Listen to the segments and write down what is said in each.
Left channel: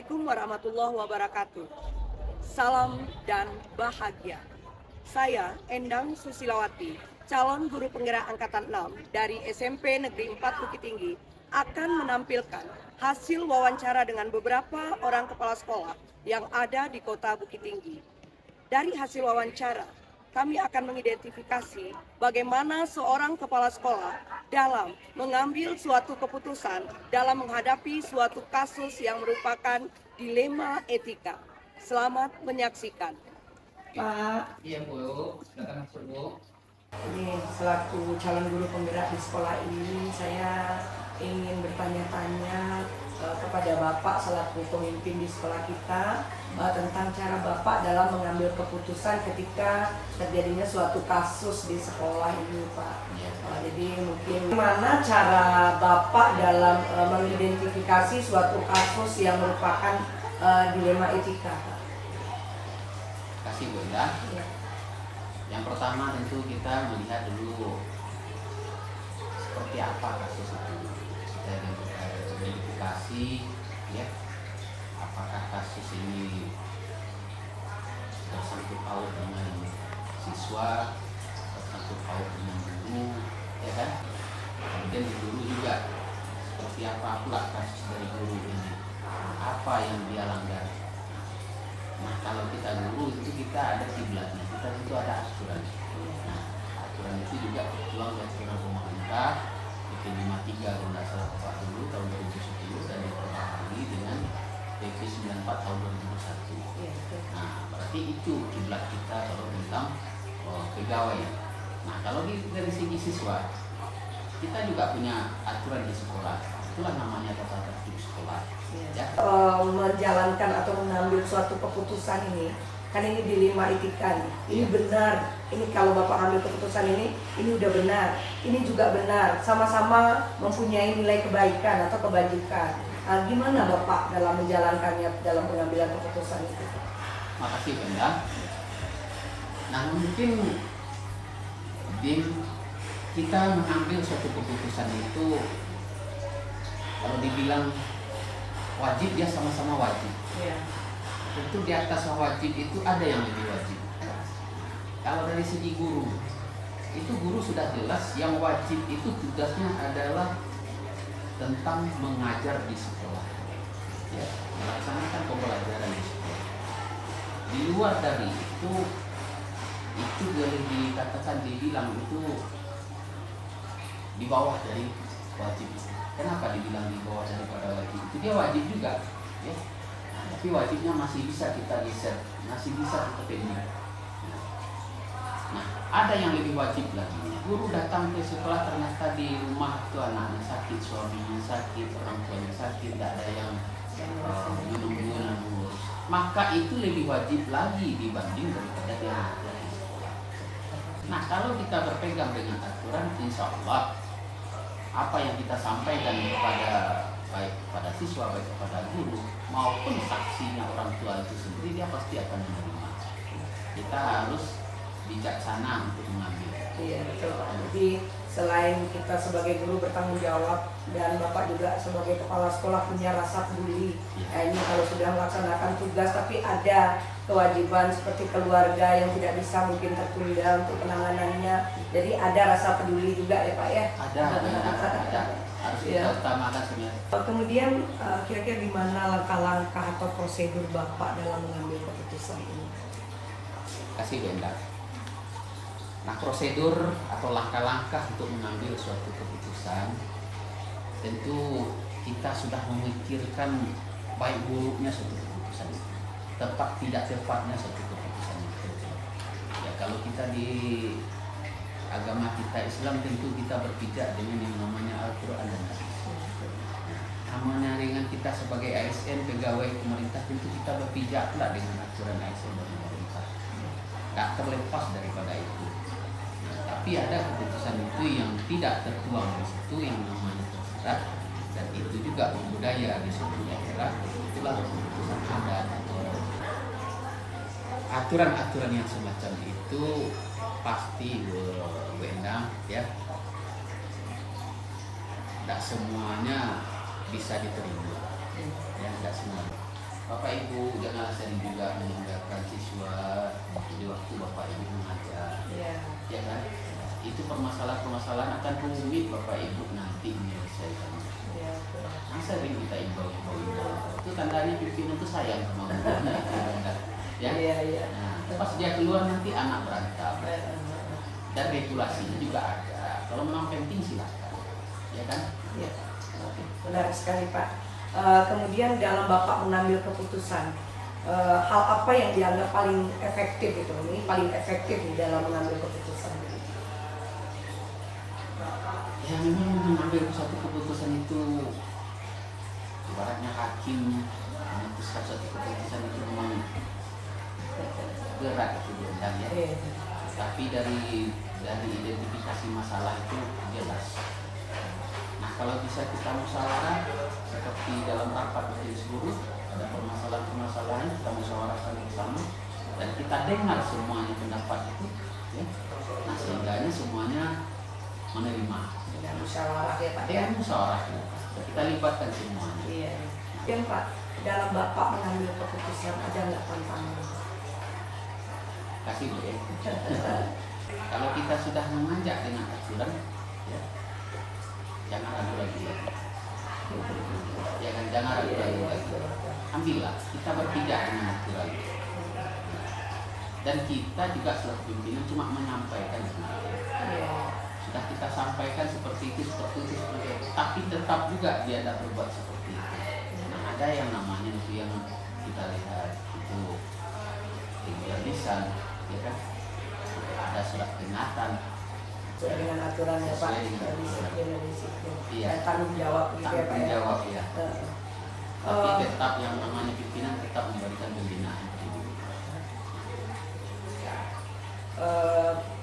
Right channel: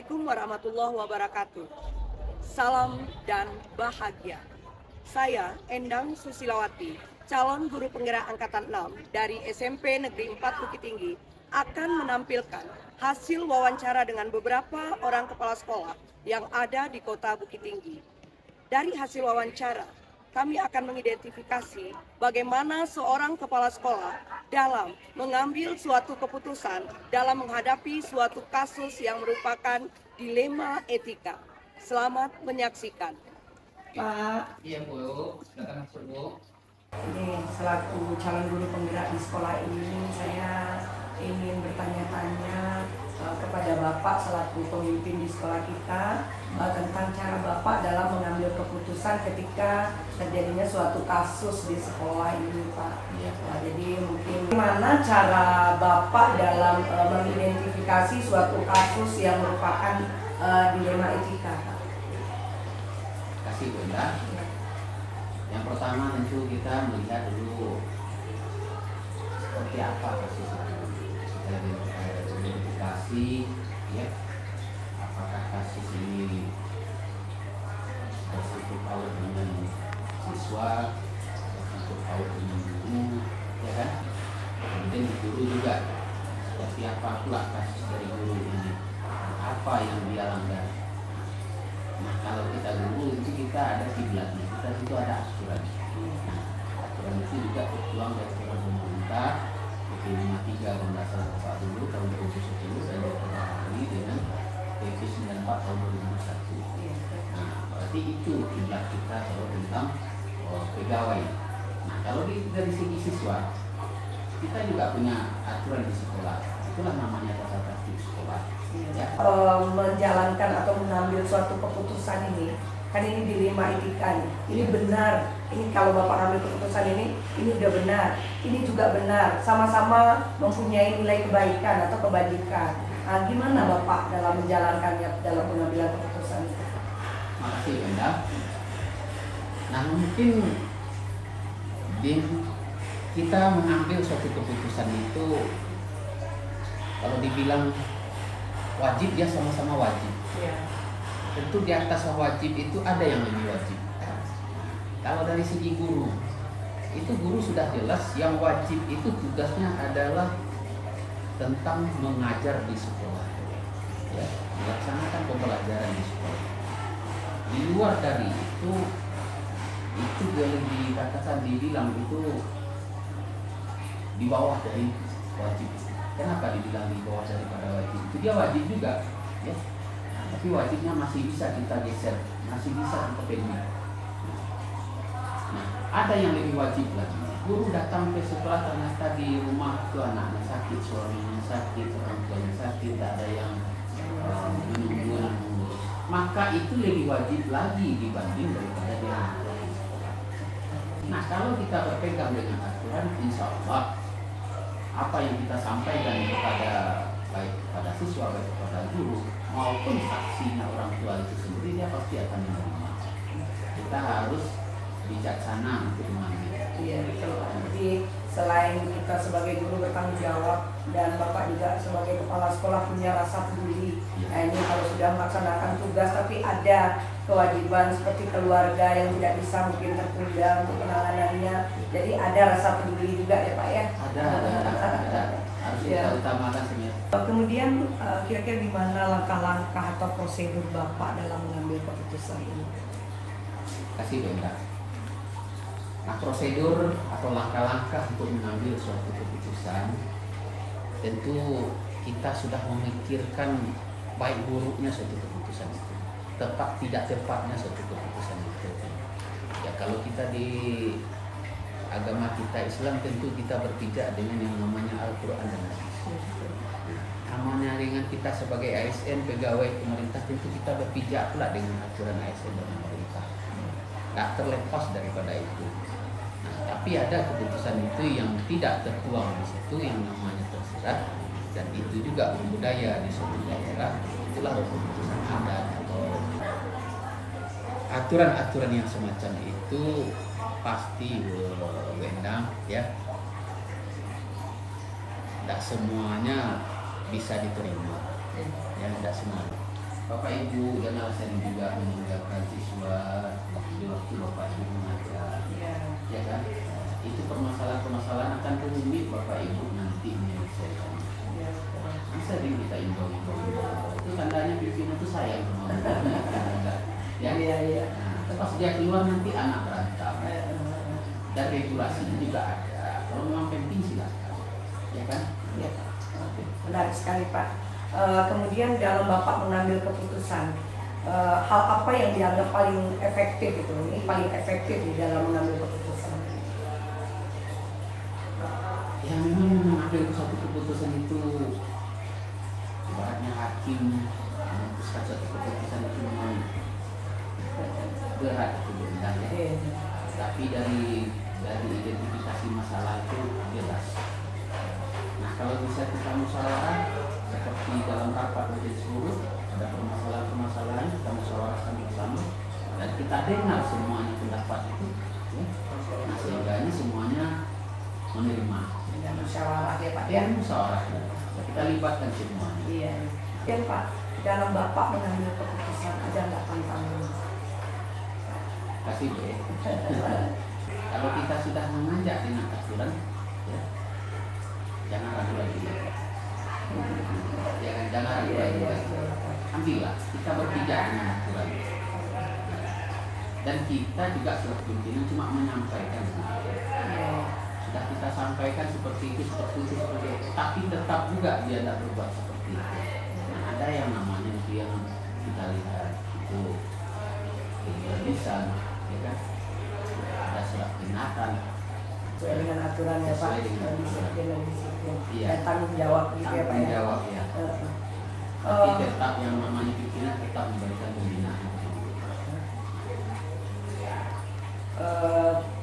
Assalamualaikum warahmatullahi wabarakatuh. Salam dan bahagia. Saya Endang Susilawati, calon guru penggerak angkatan 6 dari SMP Negeri 4 Bukit Tinggi, akan menampilkan hasil wawancara dengan beberapa orang kepala sekolah yang ada di kota Bukit Tinggi. Dari hasil wawancara, kami akan mengidentifikasi bagaimana seorang kepala sekolah dalam mengambil suatu keputusan dalam menghadapi suatu kasus yang merupakan dilema etika. Selamat menyaksikan. Pak. Iya Bu, silakan masuk Bu. Ini selaku calon guru penggerak di sekolah ini, saya ingin bertanya-tanya kepada Bapak selaku pemimpin di sekolah kita tentang cara Bapak dalam mengambil keputusan ketika terjadinya suatu kasus di sekolah ini, Pak. Iya, Jadi mungkin gimana cara Bapak dalam mengidentifikasi suatu kasus yang merupakan dilema etika, Pak? Terima kasih Bu ya. Yang pertama tentu kita melihat dulu seperti apa kasus itu. Kita identifikasi ya, apakah kasus ini bersangkut paut dengan siswa, bersangkut paut dengan guru, ya kan? Kemudian di guru juga seperti apa pula kasus dari guru ini, apa yang dia langgar. Nah, kalau kita guru itu kita ada kiblatnya, kita itu ada aturan. Nah, aturan itu juga tertuang dari aturan pemerintah PP 53 Undang Dasar 40 tahun 2010 dan diperbaharui dengan PP 94 tahun 2001. Nah, berarti itu kiblat kita kalau tentang pegawai. Nah, kalau dari segi siswa, kita juga punya aturan di sekolah. Itulah namanya tata tertib sekolah. Ya. Menjalankan atau mengambil suatu keputusan ini, kan ini dilema etika nih. Ini benar, ini kalau Bapak ambil keputusan ini udah benar, ini juga benar, sama-sama mempunyai nilai kebaikan atau kebajikan. Nah, gimana Bapak dalam menjalankannya dalam pengambilan keputusan itu? Makasih Benda. Nah, mungkin kita mengambil suatu keputusan itu, kalau dibilang wajib, dia sama-sama wajib. Ya. Tentu di atas wajib itu ada yang lebih wajib. Kalau dari segi guru, itu guru sudah jelas yang wajib itu tugasnya adalah tentang mengajar di sekolah, ya, melaksanakan pembelajaran di sekolah. Di luar dari itu boleh dikatakan dibilang itu di bawah dari wajib. Kenapa dibilang di bawah daripada wajib? Itu dia wajib juga, ya. Tapi wajibnya masih bisa kita geser, masih bisa kita pendek. Nah, ada yang lebih wajib lagi. Guru datang ke sekolah, ternyata di rumah itu anaknya sakit, suaminya sakit, orang tuanya sakit, tidak ada yang menunggu. Maka itu lebih wajib lagi dibanding daripada dia mengajar di sekolah. Nah, kalau kita berpegang dengan aturan, insya Allah apa yang kita sampaikan kepada baik kepada siswa, baik kepada guru maupun saksinya orang tua itu sendiri, dia pasti akan menerima. Kita harus bijaksana untuk mengambil. Iya, betul. Jadi selain kita sebagai guru bertanggung jawab dan Bapak juga sebagai kepala sekolah punya rasa peduli. Nah, ini kalau sudah melaksanakan tugas tapi ada kewajiban seperti keluarga yang tidak bisa mungkin tertunda untuk penanganannya. Jadi ada rasa peduli juga ya Pak ya? Ada. Harus kita utamakan sebenarnya. Kemudian kira-kira gimana langkah-langkah atau prosedur Bapak dalam mengambil keputusan ini? Kasih Benda. Nah, prosedur atau langkah-langkah untuk mengambil suatu keputusan, tentu kita sudah memikirkan baik buruknya suatu keputusan itu, tepat tidak tepatnya suatu keputusan itu. Ya, kalau kita di agama kita Islam, tentu kita berpijak dengan yang namanya Al-Quran dan Hadis. Namanya dengan kita sebagai ASN, pegawai pemerintah, tentu kita berpijak pula dengan aturan ASN dan pemerintah. Tak terlepas daripada itu. Nah, tapi ada keputusan itu yang tidak tertuang di situ, yang namanya tersirat, dan itu juga budaya di suatu daerah. Itulah keputusan adat atau aturan-aturan yang semacam itu pasti Wendang, ya, tidak semuanya bisa diterima, ya, tidak semuanya. Bapak Ibu janganlah sering juga meninggalkan siswa di waktu Bapak Ibu mengajar, ya kan? Itu permasalahan-permasalahan akan rumit Bapak Ibu nanti menyelesaikan. Sering kita imbau. Itu tandanya pimpinan itu sayang sama muridnya. Ya. Nah, pas dia keluar nanti anak berantem. Dan regulasinya juga ada. Kalau memang penting silakan, ya kan? Ya. Menarik sekali Pak. Kemudian dalam Bapak mengambil keputusan, hal apa yang dianggap paling efektif itu? Ini paling efektif di dalam mengambil keputusan. Ya memang mengambil satu keputusan itu ibaratnya hakim memutuskan satu keputusan itu memang berat itu diundang ya. Tapi dari identifikasi masalah itu jelas. Nah kalau bisa kita musyawarah seperti dalam rapat majelis guru, ada permasalahan-permasalahan kita musyawarahkan bersama dan kita dengar semuanya pendapat itu, ya. Nah sehingganya semuanya menerima. Dan musyawarah ya Pak ya? Musyawarah ya. Kita libatkan semuanya. Iya. Dan Pak, dalam Bapak mengambil keputusan ada nggak tantangan? Kasih Bu. Kalau kita sudah mengajak dengan aturan, ya, jangan ragu lagi. Ya kan, jangan ragu lagi. Ambillah, kita berpijak dengan aturan. Dan kita juga sebagai pimpinan cuma menyampaikan. Sudah kita sampaikan seperti itu, tapi tetap juga dia tidak berbuat seperti itu. Nah, ada yang namanya itu yang kita lihat itu regular lisan, ya kan? Ada surat peringatan. Sesuai dengan aturan ya Pak. Sesuai dengan aturan. Iya. Dan tanggung jawab gitu ya Pak ya. Tanggung jawab ya. Tapi tetap yang namanya pimpinan tetap memberikan pembinaan.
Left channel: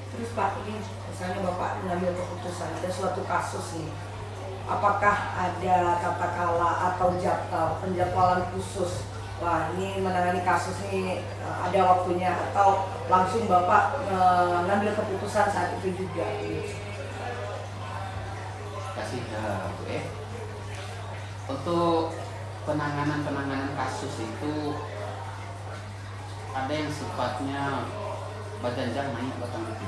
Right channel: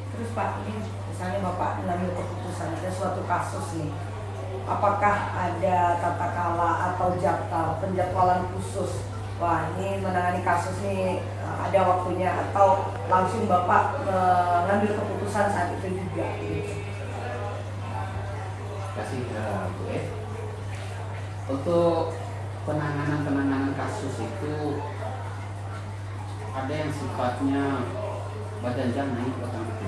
Terus Pak, ini misalnya Bapak mengambil keputusan ada suatu kasus nih, apakah ada tata kala atau penjadwalan khusus? Wah ini menangani kasus nih ada waktunya atau langsung Bapak mengambil keputusan saat itu juga? Gitu. Kasih Bu untuk penanganan kasus itu ada yang sifatnya berjanjang naik belakang itu.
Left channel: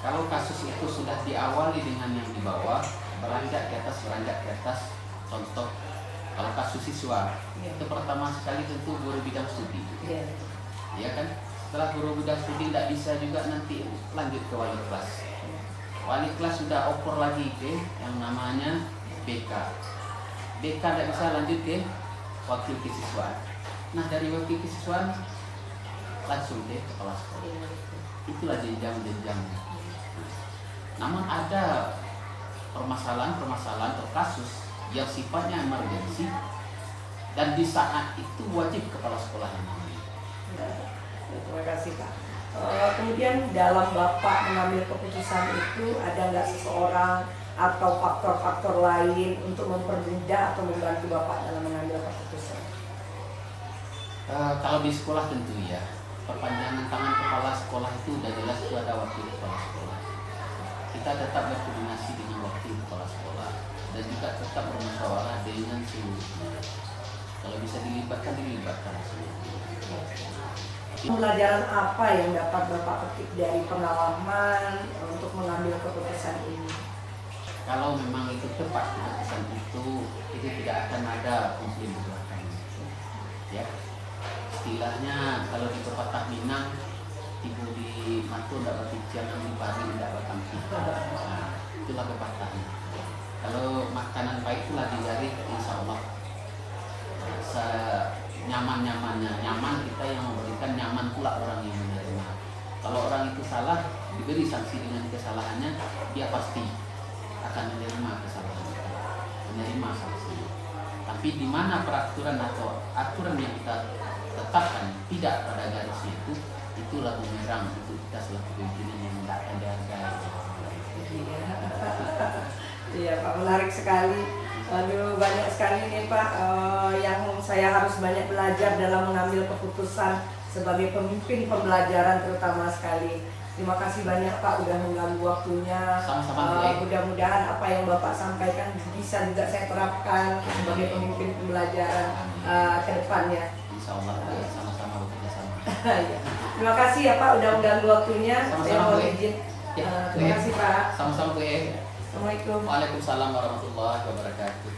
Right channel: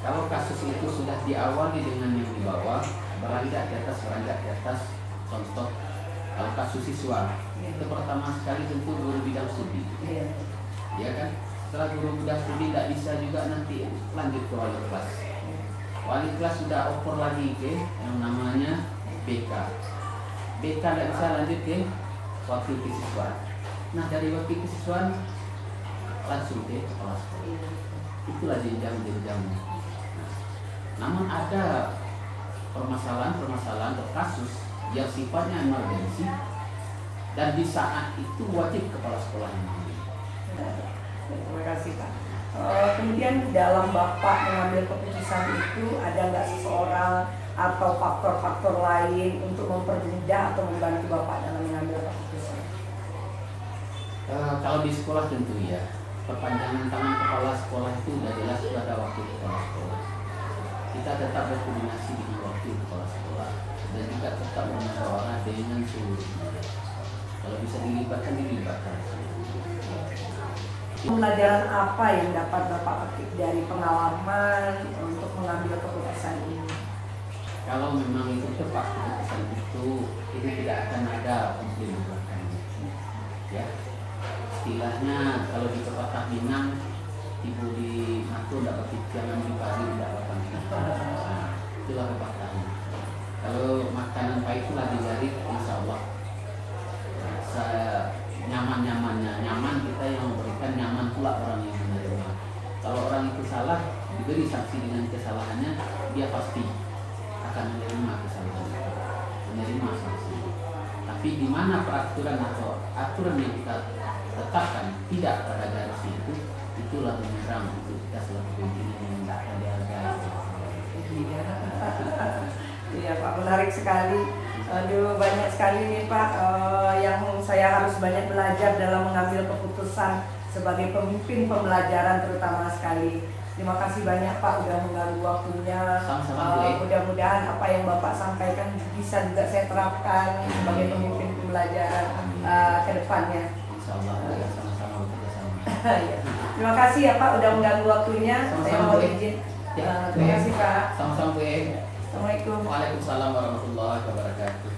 Kalau kasus itu sudah diawali dengan yang di bawah, beranjak ke atas, contoh kalau kasus siswa, itu pertama sekali tentu guru bidang studi, ya kan? Setelah guru bidang studi tidak bisa juga nanti lanjut ke wali kelas. Wali kelas sudah oper lagi ke yang namanya BK. BK tidak bisa lanjut ke wakil kesiswaan. Nah dari wakil kesiswaan langsung ke kepala sekolah. Itulah jenjang-jenjang. Namun ada permasalahan atau kasus yang sifatnya emergensi dan di saat itu wajib kepala sekolah yang mengambil. Terima kasih Pak. Kemudian dalam Bapak mengambil keputusan itu ada nggak seseorang atau faktor-faktor lain untuk mempermudah atau membantu Bapak dalam mengambil keputusan? Kalau di sekolah tentu ya, perpanjangan tangan kepala sekolah itu sudah jelas itu ada wakil kepala sekolah. Kita tetap berkoordinasi dengan wakil kepala sekolah dan juga tetap bermusyawarah dengan seluruhnya. Kalau bisa dilibatkan Pembelajaran apa yang dapat Bapak petik dari pengalaman untuk mengambil keputusan ini? Kalau memang itu tepat keputusan itu tidak akan ada konflik di belakangnya. Ya, istilahnya kalau di pepatah Minang, ibu di matu tidak dapat jangan di pagi tidak datang. Nah, itulah pepatahnya. Kalau makanan pahit itu lagi jari, insya Allah nyaman kita yang memberikan, nyaman pula orang yang menerima. Kalau orang itu salah diberi sanksi dengan kesalahannya, dia pasti akan menerima kesalahan itu, menerima sanksi. Tapi di mana peraturan atau aturan yang kita tetapkan tidak pada garisnya itulah bumerang itu kita selaku pimpinan yang tidak akan dihargai. Iya Pak, menarik sekali. Dulu banyak sekali nih Pak yang saya harus banyak belajar dalam mengambil keputusan sebagai pemimpin pembelajaran terutama sekali. Terima kasih banyak Pak udah mengganggu waktunya. Sama-sama, Bu. Mudah-mudahan apa yang Bapak sampaikan bisa juga saya terapkan sebagai pemimpin pembelajaran ke depannya. Insya Allah ya, sama-sama bekerja sama. Ya. Terima kasih ya Pak udah mengganggu waktunya. Sama-sama, Saya mohon Bu. izin. Ya, Terima kasih Pak. Sama-sama Bu. Assalamualaikum. Waalaikumsalam warahmatullahi wabarakatuh.